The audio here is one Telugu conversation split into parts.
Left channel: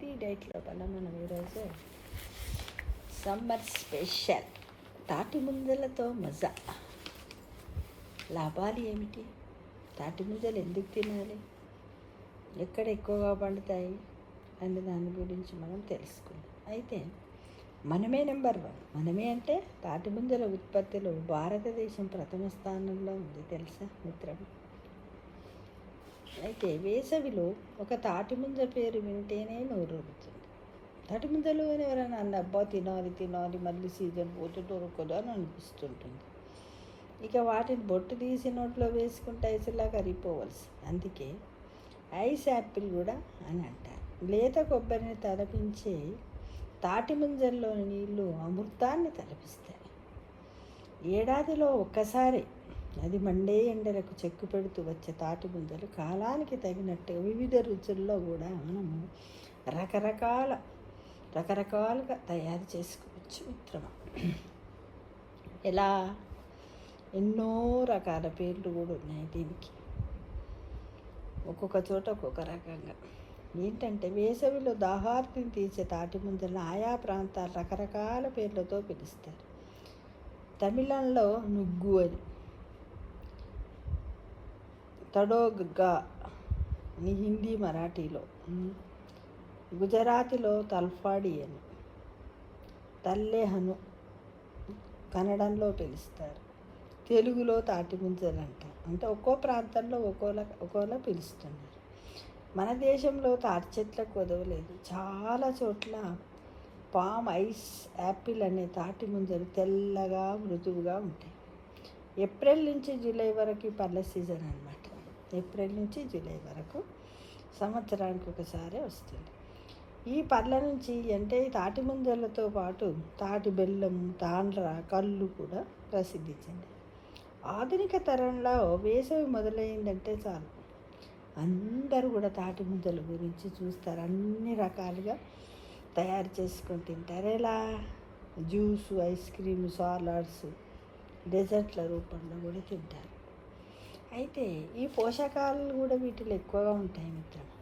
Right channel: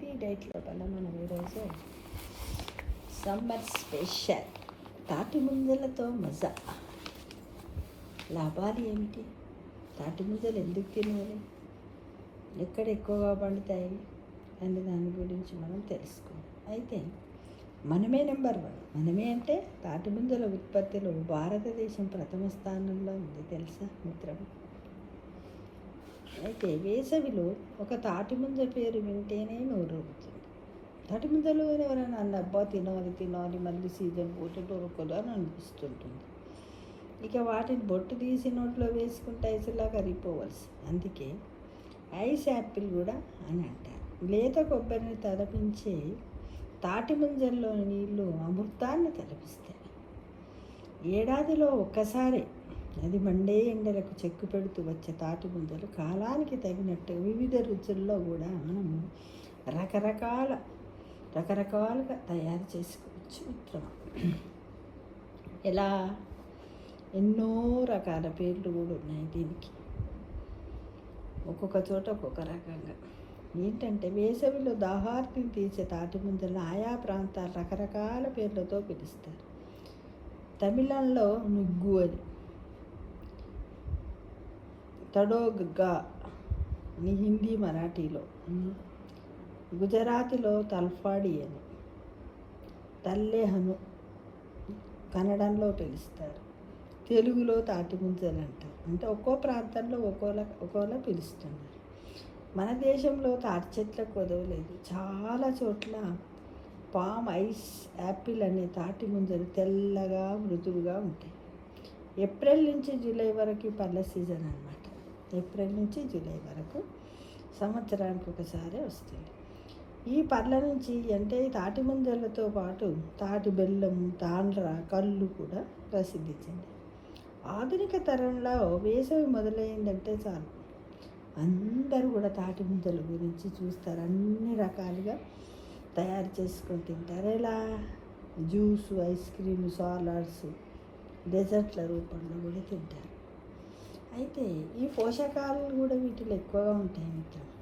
హెల్తీ డైట్ లోపల మనం ఈరోజు సమ్మర్ స్పెషల్ తాటి ముంజలతో మజా. లాభాలు ఏమిటి? తాటి ముంజలు ఎందుకు తినాలి? ఎక్కడ ఎక్కువగా పండుతాయి అనే దాని గురించి మనం తెలుసుకుందాం. అయితే మనమే నెంబర్ 1. మనమే అంటే తాటి ముంజల ఉత్పత్తిలో భారతదేశం ప్రథమ స్థానంలో ఉంది, తెలుసా మిత్రమా? అయితే వేసవిలో ఒక తాటి ముంజ పేరు వింటేనే నోరూరుతుంది. తాటి ముంజలు ఎవరైనా అన్న అబ్బా తినాలి మళ్ళీ సీజన్ పోతే దొరకదు అని అనిపిస్తుంటుంది. ఇక వాటిని బొట్టు తీసి నోట్లో వేసుకుంటే ఐసులా కరిగిపోవలసి. అందుకే ఐస్ యాపిల్ కూడా అని అంటారు. లేత కొబ్బరిని తలపించే తాటి ముంజల్లో నీళ్లు అమృతాన్ని తలపిస్తాయి. ఏడాదిలో ఒక్కసారి అది మండే ఎండలకు చెక్కు పెడుతూ వచ్చే తాటి ముంజలు కాలానికి తగినట్టు వివిధ రుచుల్లో కూడా మనము రకరకాలుగా తయారు చేసుకోవచ్చు మిత్రమా. ఎలా? ఎన్నో రకాల పేర్లు కూడా ఉన్నాయి దీనికి, ఒక్కొక్క చోట ఒక్కొక్క రకంగా. ఏంటంటే వేసవిలో దాహార్తిని తీసే తాటి ముంజలను ఆయా ప్రాంతాలు రకరకాల పేర్లతో పిలుస్తారు. తమిళంలో నుగ్గు అని, తడోగ్గా అని హిందీ మరాఠీలో, గుజరాతీలో తల్ఫాడి అని, తల్లెహను కన్నడంలో పిలుస్తారు. తెలుగులో తాటి ముంజలు అంటారు. అంటే ఒక్కో ప్రాంతంలో ఒక్కోలా పిలుస్తున్నారు. మన దేశంలో తాటి చెట్లకు కొదవలేదు. చాలా చోట్ల పామ్ ఐస్ యాపిల్ అనే తాటి ముంజలు తెల్లగా మృదువుగా ఉంటాయి. ఏప్రిల్ నుంచి జూలై వరకు పళ్ళ సీజన్ అన్నమాట. ఏప్రిల్ నుంచి జూలై వరకు సంవత్సరానికి ఒకసారి వస్తుంది. ఈ పళ్ళ నుంచి అంటే తాటి ముంజలతో పాటు తాటి బెల్లం, తాండ్ర, కళ్ళు కూడా ప్రసిద్ధి చెంది. ఆధునిక తరంలో వేసవి మొదలైందంటే చాలు అందరూ కూడా తాటి ముంజల గురించి చూస్తారు. అన్ని రకాలుగా తయారు చేసుకొని తింటారు. ఎలా? జ్యూసు, ఐస్ క్రీము, సాలడ్స్, డెజర్ట్ల రూపంలో కూడా తింటారు. అయితే ఈ పోషకాలు కూడా వీటిలో ఎక్కువగా ఉంటాయి మిత్రులు.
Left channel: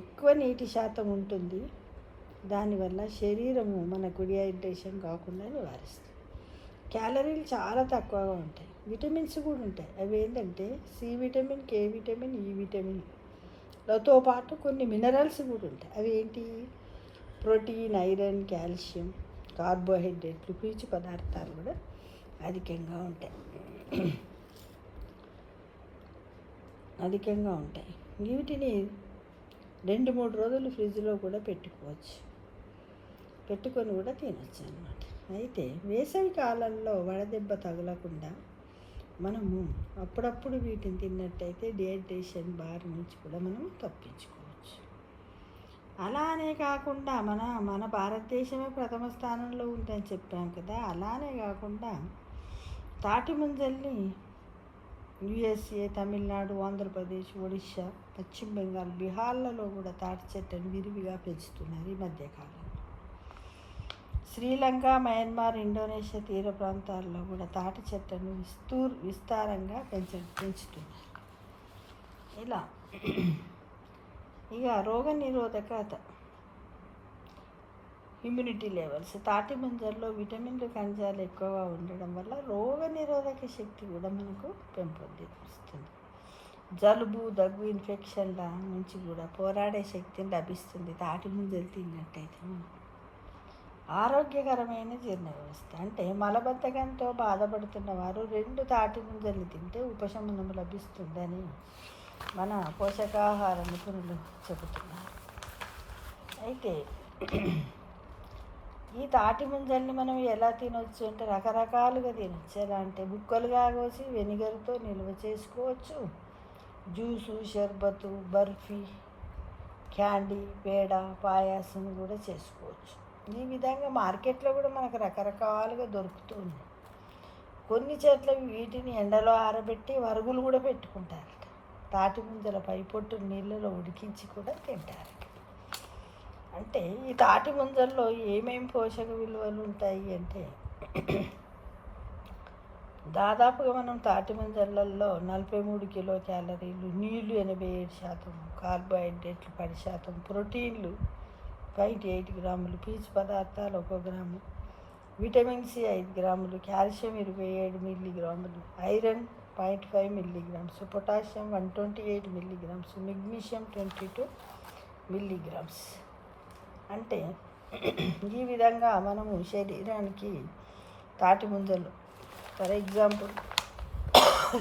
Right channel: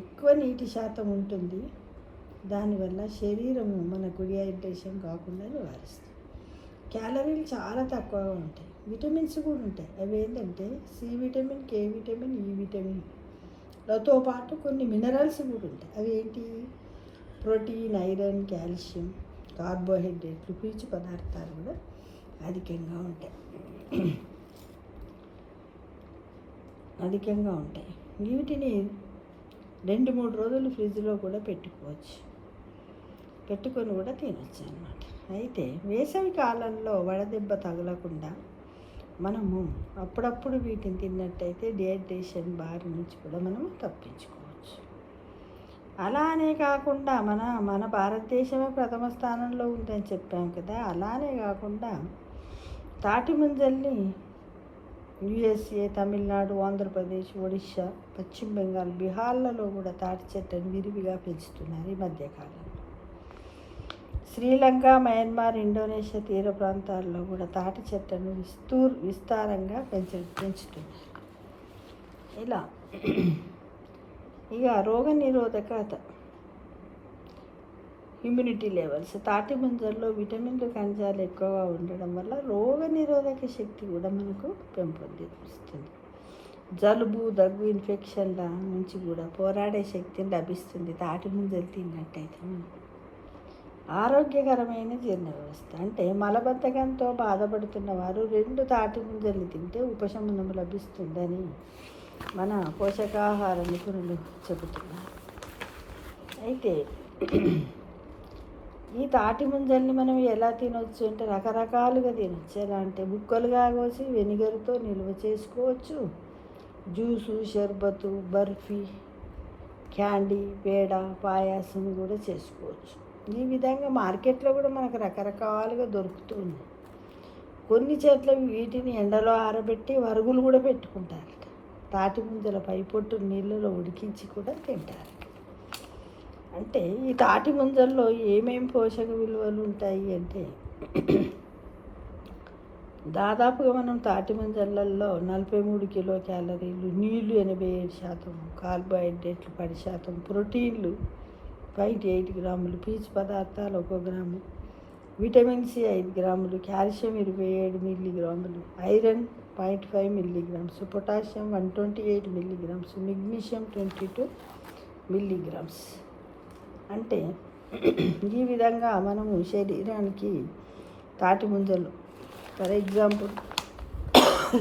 ఎక్కువ నీటి శాతం ఉంటుంది. దానివల్ల శరీరము మనకు డిహైడ్రేషన్ కాకుండా నివారిస్తుంది. క్యాలరీలు చాలా తక్కువగా ఉంటాయి. విటమిన్స్ కూడా ఉంటాయి. అవి ఏంటంటే సి విటమిన్, కే విటమిన్, ఈ విటమిన్లతో పాటు కొన్ని మినరల్స్ కూడా ఉంటాయి. అవి ఏంటి? ప్రోటీన్, ఐరన్, కాల్షియం, కార్బోహైడ్రేట్లు, పీచు పదార్థాలు కూడా అధికంగా ఉంటాయి. వీటిని 2-3 రోజులు ఫ్రిడ్జ్లో కూడా పెట్టుకొని కూడా తినొచ్చు అన్నమాట. అయితే వేసవి కాలంలో వడదెబ్బ తగలకుండా మనము అప్పుడప్పుడు వీటిని తిన్నట్టయితే డిహైడ్రేషన్ బారి నుంచి కూడా మనం తప్పించుకోవచ్చు. అలానే కాకుండా మన భారతదేశమే ప్రథమ స్థానంలో ఉందని చెప్పాం కదా. అలానే కాకుండా తాటి ముంజల్ని USA, తమిళనాడు, ఆంధ్రప్రదేశ్, ఒడిశా, పశ్చిమ బెంగాల్, బీహార్లలో కూడా తాటి చెట్లను విరివిగా పెంచుతున్నారు ఈ మధ్యకాలంలో. శ్రీలంక, మయన్మార్, ఇండోనేషియా తీర ప్రాంతాల్లో కూడా తాటి చెట్లను విస్తారంగా పెంచుతున్నారు. ఇలా ఇక రోగనిరోధకత, ఇమ్యూనిటీ లెవెల్స్, తాటి ముంజల్లో విటమిన్లు, ఖనిజాలు ఎక్కువగా ఉండడం వల్ల రోగనిరోధక శక్తి కూడా మనకు పెంపొందిస్తుంది. జలుబు, దగ్గు, ఇన్ఫెక్షన్ల నుంచి కూడా పోరాడే శక్తి లభిస్తుంది తాటి ముంజలు తిన్నట్టయితే. ఆరోగ్యకరమైన జీర్ణ వ్యవస్థ అంటే మలబద్ధకంతో బాధపడుతున్న వారు 2 తాటి ముంజలు తింటే ఉపశమనం లభిస్తుందని మన పోషకాహార నిపుణులు చెబుతున్నారు. అయితే ఈ తాటి ముంజల్ని మనం ఎలా తినవచ్చు అంటే రకరకాలుగా తినచ్చు. ఎలా అంటే ముక్కలుగా కోసి వెనిగర్తో నిల్వ చేసుకోవచ్చు. జ్యూసు, షర్బతు, బర్ఫీ, క్యాండీ, పేడ, పాయాసం కూడా చేసుకోవచ్చు. ఈ విధంగా మార్కెట్లో కూడా మనకు రకరకాలుగా దొరుకుతుంది. కొన్ని చోట్ల వీటిని ఎండలో ఆరబెట్టి వరుగులు కూడా పెట్టుకుంటారు. తాటి ముంజల పైపొట్టు నీళ్ళలో ఉడికించి కూడా తింటారు. అంటే ఈ తాటి ముంజల్లో ఏమేమి పోషక విలువలు ఉంటాయి అంటే దాదాపుగా మనం తాటి ముంజలలో 43 కిలో క్యాలరీలు, నీళ్లు 87%, కార్బోహైడ్రేట్లు 10%, ప్రోటీన్లు 0.8 గ్రాములు, పీచు పదార్థాలు 1 గ్రాము, విటమిన్ సి 5 గ్రాములు, కాల్షియం 27 మిల్లీగ్రాములు, iron 0.5 milligrams, potassium 128 milligrams, magnesium 22 milligrams. అంటే ఈ విధంగా మనము శరీరానికి తాటి ముంజలు ఫర్ ఎగ్జాంపుల్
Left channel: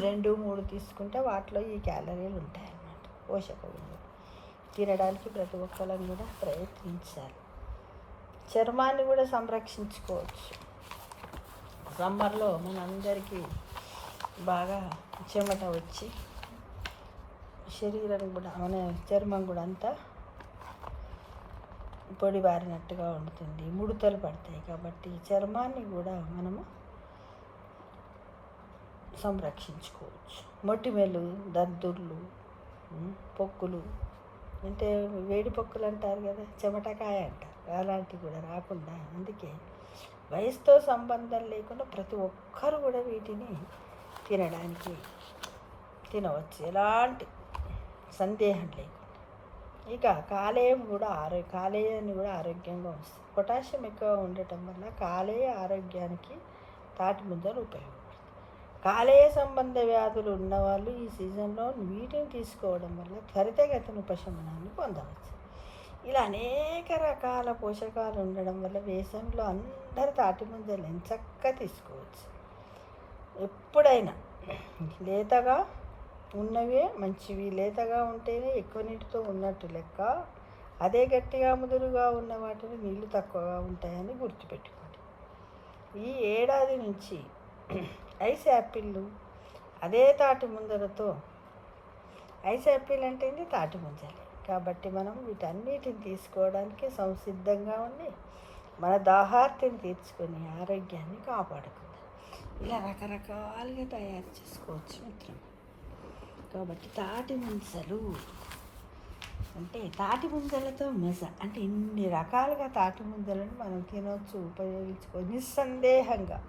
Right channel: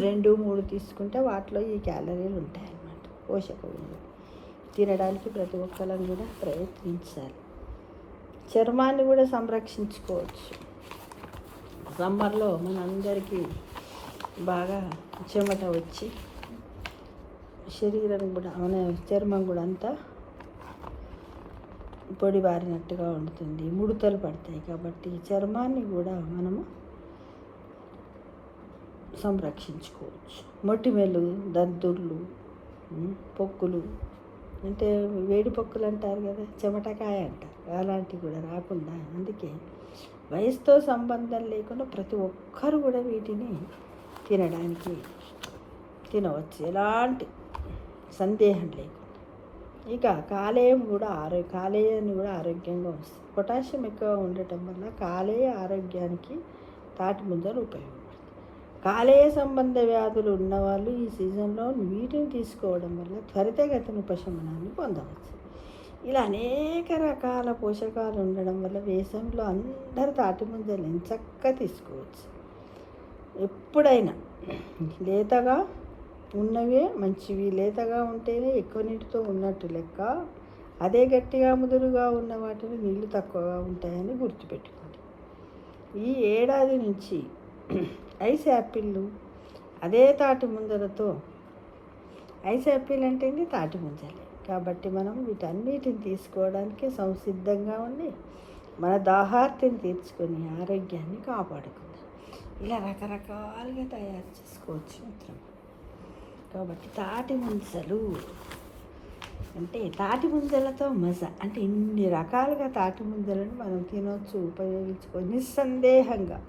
2, 3 తీసుకుంటే వాటిలో ఈ క్యాలరీలు ఉంటాయన్నమాట, పోషక విలువలు. తినడానికి ప్రతి ఒక్కరిని కూడా ప్రయత్నించాలి. చర్మాన్ని కూడా సంరక్షించుకోవచ్చు. సమ్మర్లో మనందరికీ బాగా చెమట వచ్చి శరీరం కూడా మన చర్మం కూడా అంతా పొడి బారినట్టుగా ఉంటుంది, ముడతలు పడతాయి. కాబట్టి చర్మాన్ని కూడా మనం సంరక్షించుకోవచ్చు. మొటిమలు, దద్దుర్లు, పొక్కులు, అంటే వేడి పొక్కులు అంటారు కదా, చెమటకాయ అంటారు, అలాంటివి కూడా రాకుండా. అందుకే వయసుతో సంబంధం లేకుండా ప్రతి ఒక్కరు కూడా వీటిని తినవచ్చు, ఎలాంటి సందేహం లేకుండా. ఇక కాలేయం కూడా కాలేయాన్ని కూడా ఆరోగ్యంగా వస్తుంది. పొటాషియం ఎక్కువ ఉండటం వల్ల కాలేయ ఆరోగ్యానికి తాటి ముంజలు ఉపయోగపడుతుంది. కాలేయ సంబంధ వ్యాధులు ఉన్నవాళ్ళు ఈ సీజన్లో వీటిని తీసుకోవడం వల్ల త్వరితగతిన ఉపశమనాన్ని పొందవచ్చు. ఇలా అనేక రకాల పోషకాలు ఉండడం వల్ల వేసవిలో అందరూ తాటి ముంజలు ఎంచక్కా తీసుకోవచ్చు. ఎప్పుడైనా లేతగా ఉన్నవే మంచివి, లేతగా ఉంటేనే ఎక్కువ నీటితో ఉన్నట్టు లెక్క. అదే గట్టిగా ముదురుగా ఉన్న వాటిని నీళ్ళు తక్కువగా ఉంటాయని గుర్తుపెట్టుకోండి. ఈ ఏడాది నుంచి ఐస్ యాపిళ్ళు అదే తాటి ముంజలతో, ఐస్ యాపిల్ అంటేనే తాటి ముంజలు కాబట్టి మనం వీటన్నిటిని తీసుకోవడానికి సంసిద్ధంగా ఉండి మన దాహార్తిని తీర్చుకొని ఆరోగ్యాన్ని కాపాడుకుందాం. ఇలా రకరకాలుగా తయారు చేసుకోవచ్చు మిత్రం. కాబట్టి తాటి ముంజలు అంటే తాటి ముంజలతో మజా అంటే ఇన్ని రకాలుగా తాటి ముంజలను మనం తినవచ్చు, ఉపయోగించుకొని నిస్సందేహంగా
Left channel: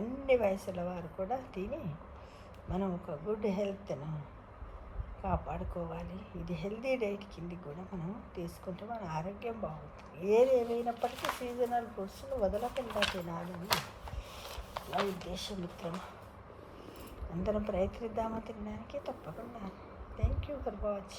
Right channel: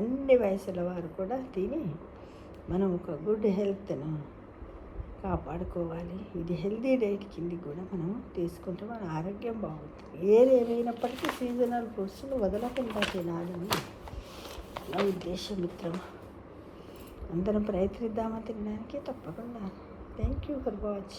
అన్ని వయసుల వారు కూడా తిని మనం ఒక గుడ్ హెల్త్ను కాపాడుకోవాలి. ఇది హెల్తీ డైట్ కింది కూడా మనం తీసుకుంటే మన ఆరోగ్యం బాగుంటుంది. ఏమైనప్పటికీ సీజనల్ ఫ్రూట్స్ని వదలకుండా తినాలని నా ఉద్దేశం మిత్రం. అందరం ప్రయత్నిద్దామా తినడానికి? తప్పకుండా. Thank you for watching.